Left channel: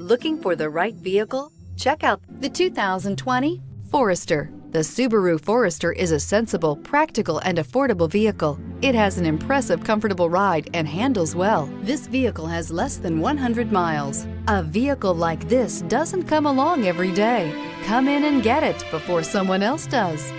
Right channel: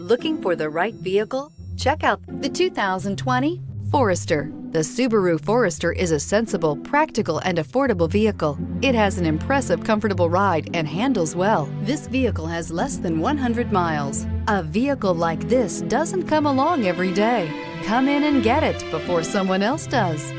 Looking for the right vehicle? Check out the 2020 Forester. The Subaru Forester is a sensible, practical, and affordable vehicle. It has an impressive, comfortable ride and handles well. This vehicle has less than 100 miles. A vehicle like this doesn't come along every day. Come in and get it before someone else does.